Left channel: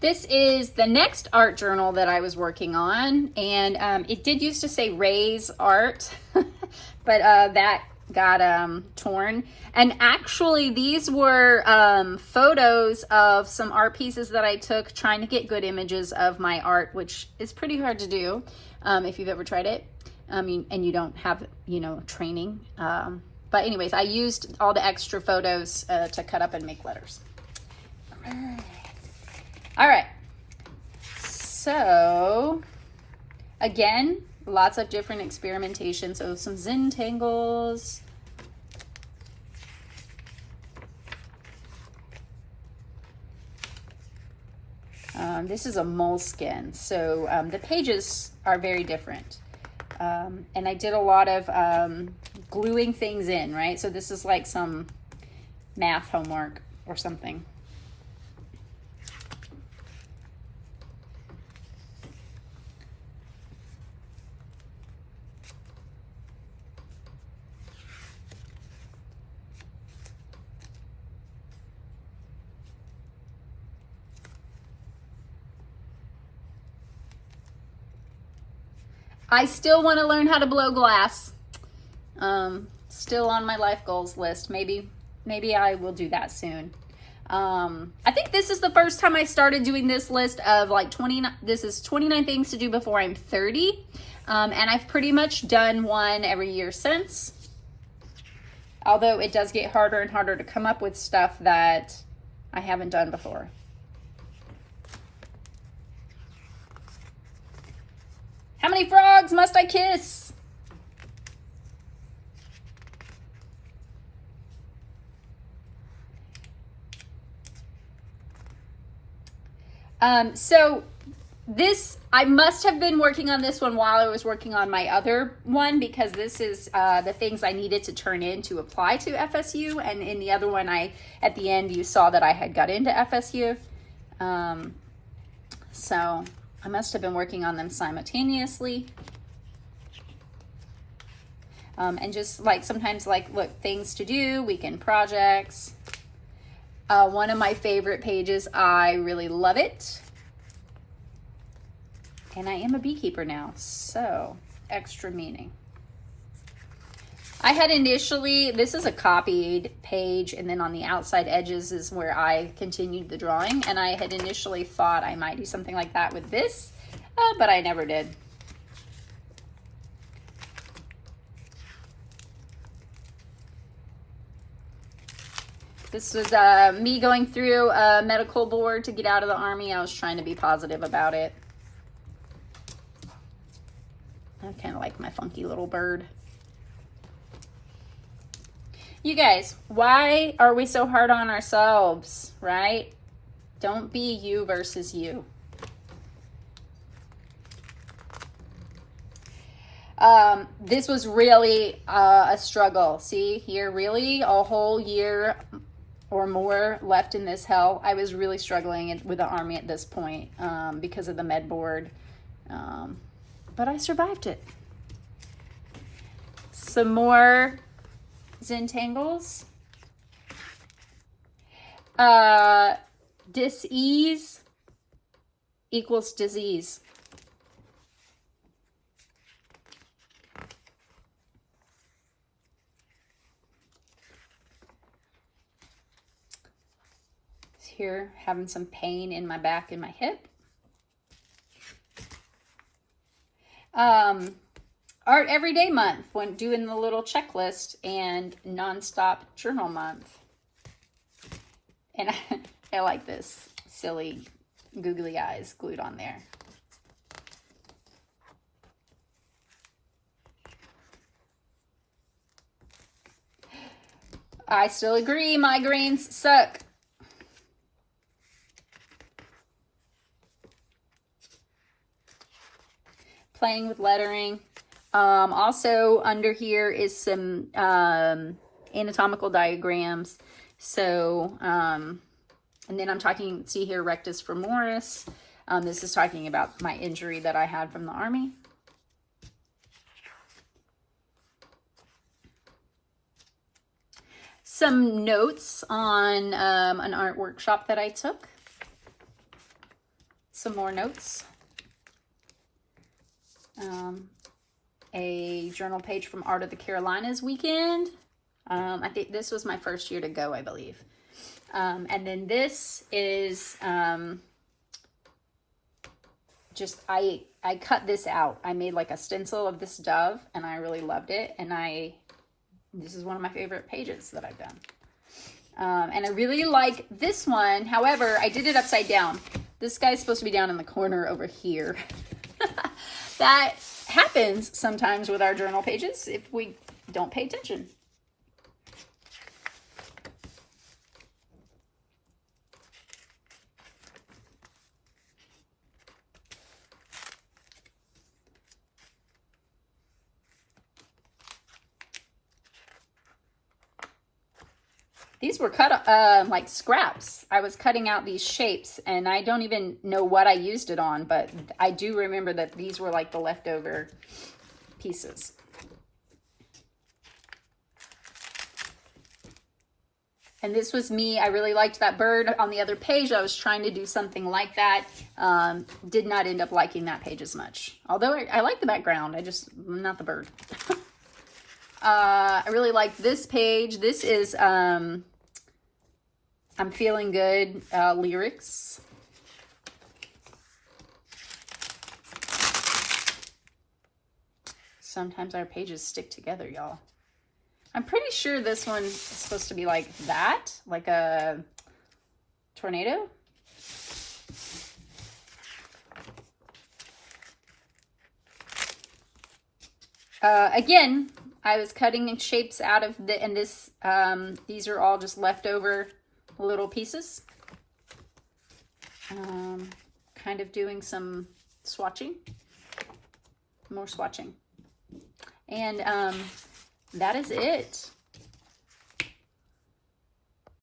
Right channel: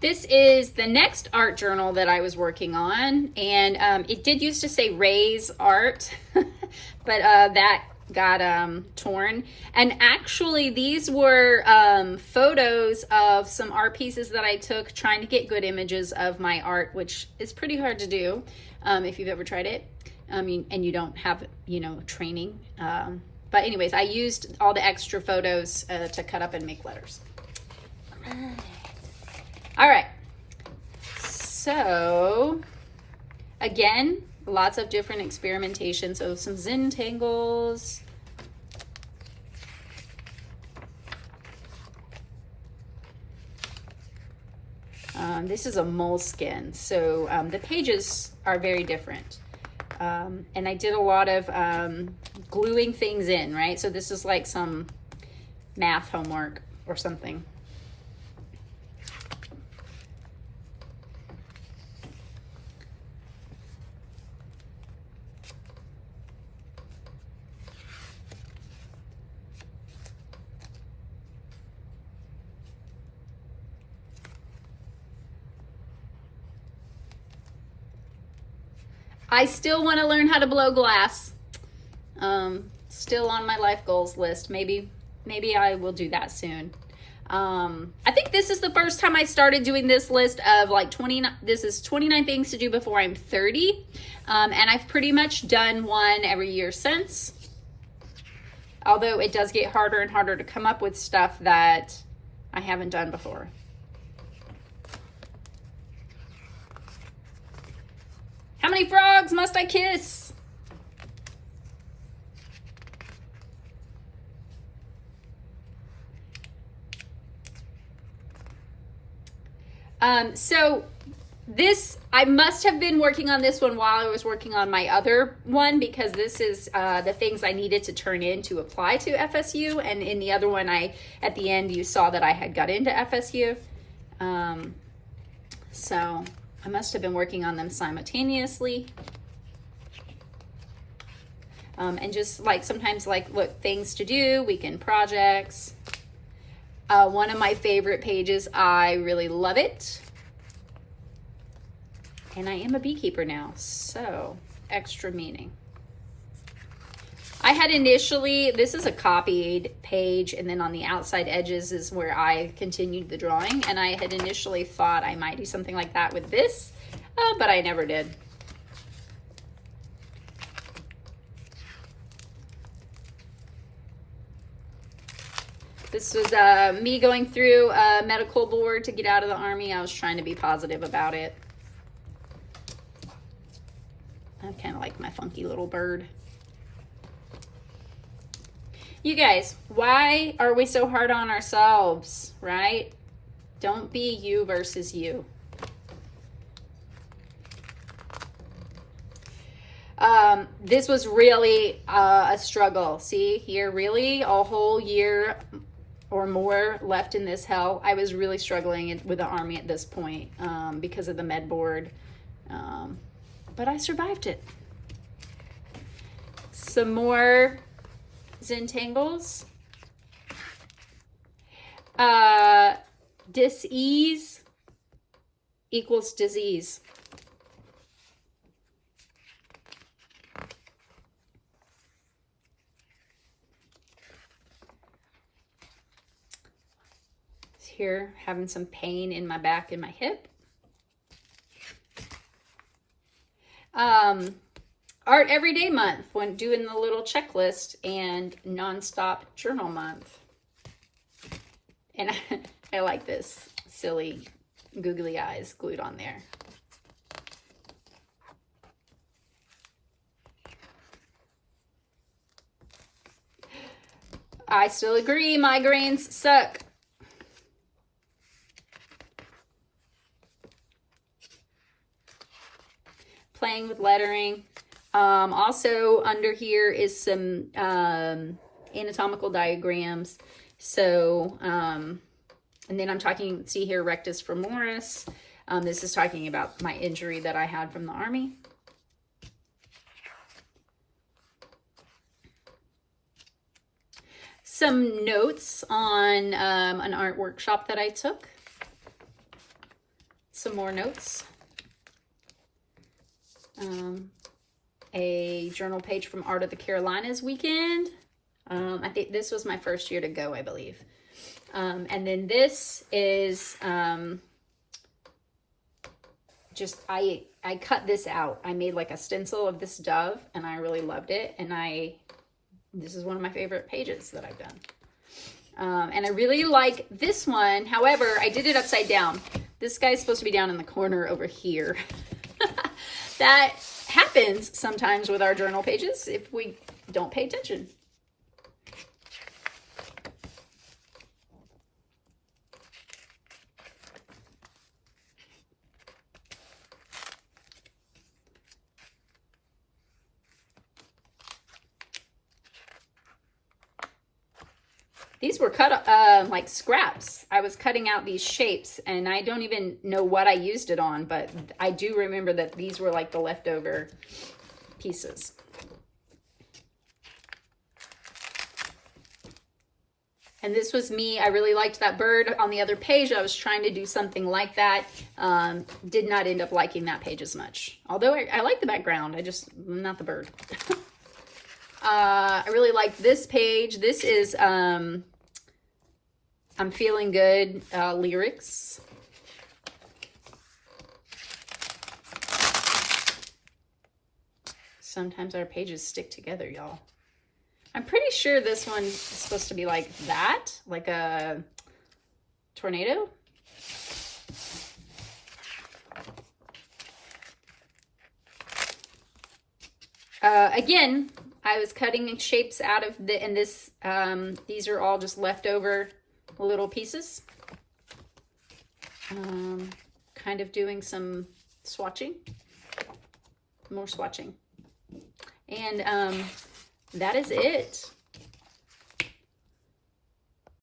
This is the next art journal that I was working on, and it did used to say Ray's Art, but that got torn. And actually, these were photos of some art pieces that I took trying to get good images of my art, which is pretty hard to do if you've ever tried it. And you don't have, training. But anyways, I used all the extra photos to cut up and make letters. All right, so again, lots of different experimentation. So some Zentangles. This is a moleskin, so the pages are very different. And I did a lot of gluing things in, right? So this is like some math homework or something. I still want to learn how to blow glass. Still on my life goals list. Maybe I will do that soon. I think this is the first time I started doing this list of like 29. This is 29 things to do before I'm 30. And I've pretty much done one every year since. Although it does get harder and harder to come up with stuff that I haven't done before. How many frogs must I kiss? So this, I must have been working on this one while I was working on my other one, because this is the things I needed to turn in to apply to FSU. And in the other one, at the end, you saw that I had got into FSU. So I must have been working on them simultaneously. And just like sometimes like look, things to do, weekend projects. One of my favorite pages, I really love it. And I am a beekeeper now, so extra meaning. I had initially, this is a copied page, and then on the outside edges is where I continued the drawing, and I had initially thought I might do something like that with this, but I never did. This was me going through a medical board to get out of the Army. I was trying to be positive about it. I kind of like my funky little bird. You guys, why are we so hard on ourselves, right? Don't be you versus you. This was really a struggle. See here, really a whole year or more left in this hell. I was really struggling with the Army at this point because of the med board, but I survived it. Some more Zentangles. Dis-ease equals disease. Here, having some pain in my back and my hip. Art Everyday Month, when doing the little checklist, and Nonstop Journal Month. And I like this silly googly eyes glued on there. I still agree, migraines suck. Playing with lettering. Also under here is some anatomical diagrams. So, and then I'm talking, see here, rectus femoris. This is talking about my injury that I had from the Army. Some notes on an art workshop that I took. some more notes. A journal page from Art of the Carolinas weekend. I think this was my first year to go, I believe. And then this is just, I cut this out. I made like a stencil of this dove, and I really loved it. And this is one of my favorite pages that I've done. And I really like this one. However, I did it upside down. This guy's supposed to be down in the corner over here. That happens sometimes with our journal pages if we don't pay attention. These were cut like scraps. I was cutting out these shapes, and I don't even know what I used it on, but I do remember that these were like the leftover pieces. And this was me. I really liked that bird on the other page. I was trying to do something like that. Did not end up liking that page as much. Although I like the background, not the bird. I really like this page. This is I'm Feeling Good lyrics. Sometimes our pages stick together, y'all. I'm pretty sure this one is supposed to be like that, like a tornado. Again, I was cutting shapes out of these are all just leftover little pieces. Kind of doing some swatching, more swatching. And that is it.